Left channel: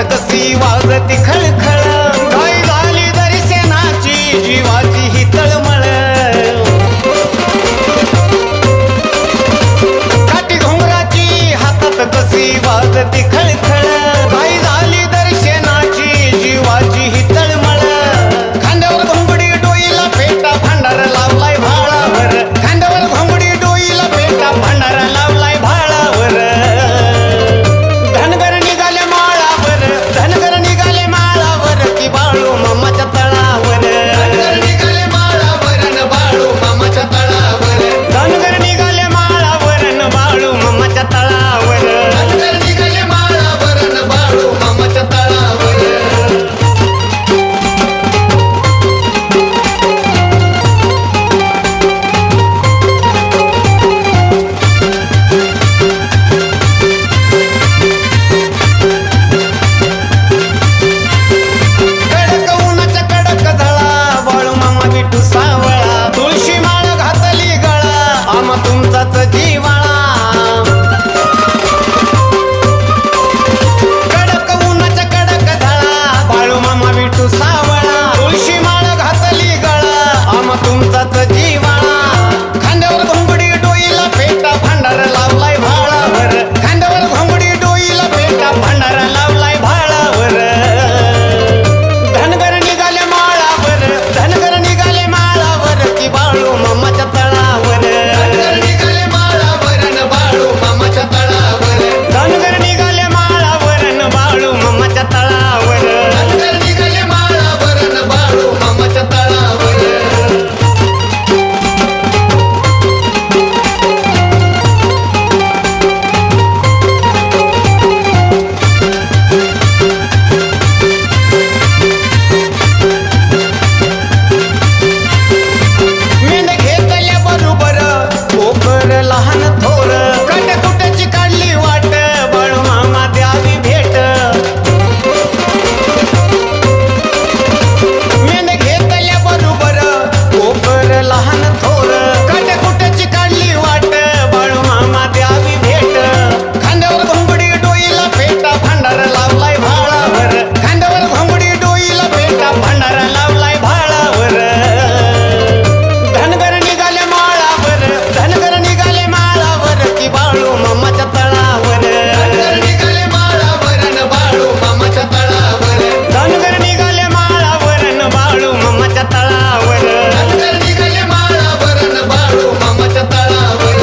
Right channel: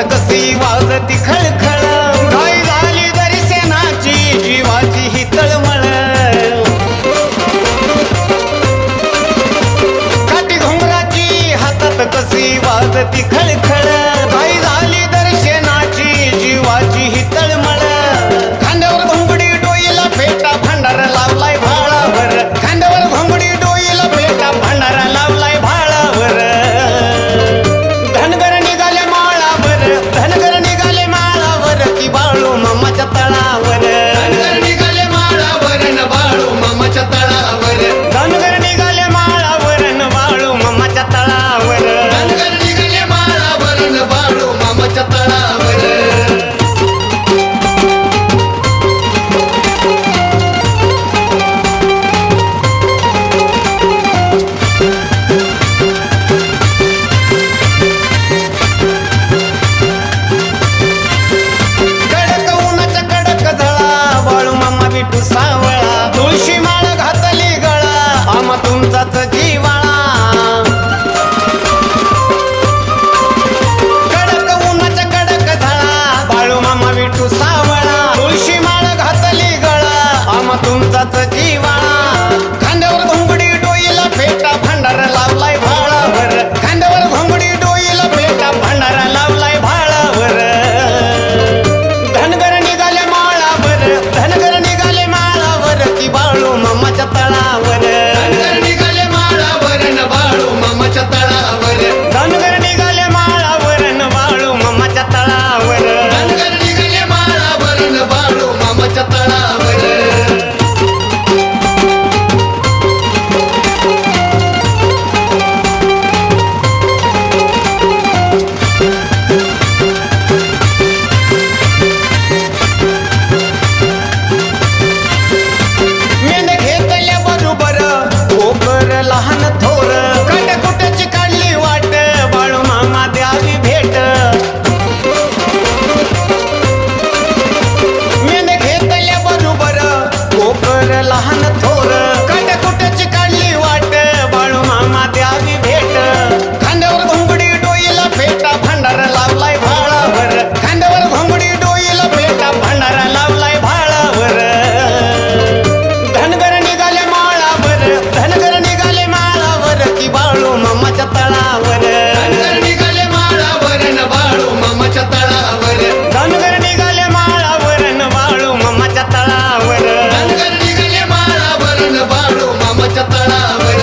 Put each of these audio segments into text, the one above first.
हातात कशी वाजती खळखळ, घाई झाली दर्शनाची जीवाची ही तळमळ. काठी घुंगराची हातात कशी वाजती खळखळ, घाई झाली दर्शनाची जीवाची ही तळमळ. खांद्यावर घोंगडी डोईला फेटा भांडार लावलाय भाळावर, खांद्यावर घोंगडी डोईला फेटा भांडार लावलाय भाळावर. धनगर निघाले माळावर, धनगर निघाले माळावर की बाळू मामाच्या तळावर. धनगर निघाले माळावर न बाळू मामाच्या तळावर. धनगर निघाले माळावर न बाळू मामाच्या तळावर. धनगर निघाले माळावर न बाळू मामाच्या तळावर. विठू सावळा तुळशी माळ घातली गळा, आम्हा तुमचाच जीवाळा. कडक उन्हाच्या कडक झळा, बाळू मामा विठू सावळा तुळशी माळ घातली गळा, आम्हा तुमचाच जीवाळा. खांद्यावर घोंगडी डोईला फेटा भांडार लावलाय भाळावर, खांद्यावर घोंगडी डोईला फेटा भांडार लावलाय भाळावर. धनगर निघाले माळावर, धनगर निघाले माळावर की बाळू मामाच्या तळावर. धनगर निघाले माळावर न बाळू मामाच्या तळावर. धनगर निघाले माळावर न बाळू मामाच्या तळावर. धनगर निघाले माळावर न बाळू मामाच्या तळावर. कोकर लहान थोर, काटकुट्याची काढली वाट, बाळू मामा द्यावी भेट. मेंढ घेतल्या बरोबर कोकर लहान थोर, काटकुट्याची काढली वाट, बाळू मामा द्यावी भेट. खांद्यावर घोंगडी डोईला फेटा भांडार लावलाय भाळावर, खांद्यावर घोंगडी डोईला फेटा भांडार लावलाय भाळावर. धनगर निघाले माळावर, धनगर निघाले माळावर की बाळू मामाच्या तळावर. धनगर निघाले माळावर न बाळू मामाच्या तळावर. धनगर निघाले माळावर न बाळू मामाच्या तळावर. धनगर निघाले माळावर न बाळू मामाच्या तळावर.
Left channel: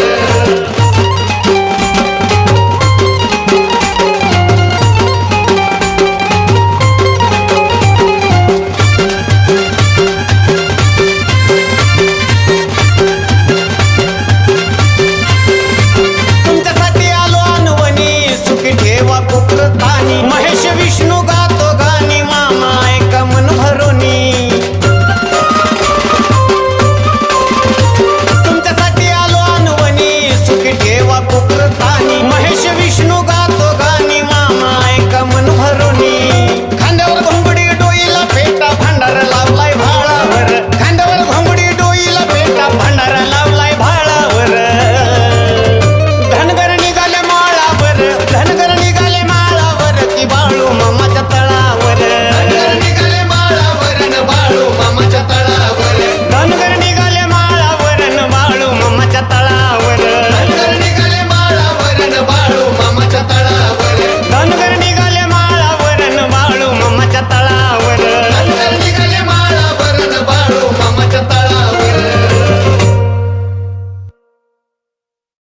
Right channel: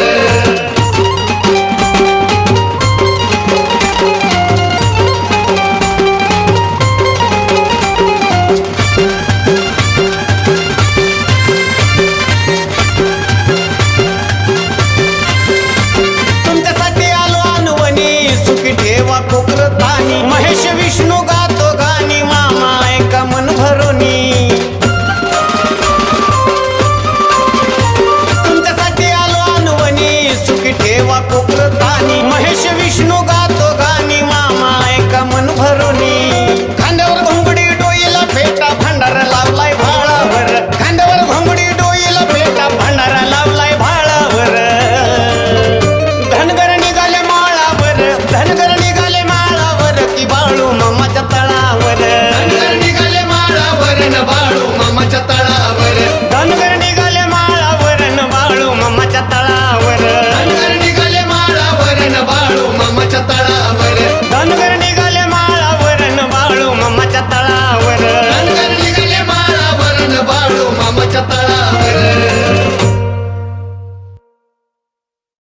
सुखी ठेवा कोकरतानी, महेश विष्णू गातो गाणी, मामा ऐका मन भरोनी. तुमच्यासाठी आलो अनवणी, सुखी ठेवा कोकरतानी, महेश विष्णू गातो गाणी, मामा ऐका मन भरोनी. खांद्यावर घोंगडी डोईला फेटा भांडार लावलाय भाळावर, खांद्यावर घोंगडी डोईला फेटा भांडार लावलाय भाळावर. धनगर निघाले माळावर, धनगर निघाले माळावर की बाळू मामाच्या तळावर. धनगर निघाले माळावर न बाळू मामाच्या तळावर. धनगर निघाले माळावर न बाळू मामाच्या तळावर. धनगर निघाले माळावर न बाळू मामाच्या तळावर. धनगर निघाले माळावर न बाळू मामाच्या तळावर. धनगर निघाले माळावर न बाळू मामाच्या तळावर.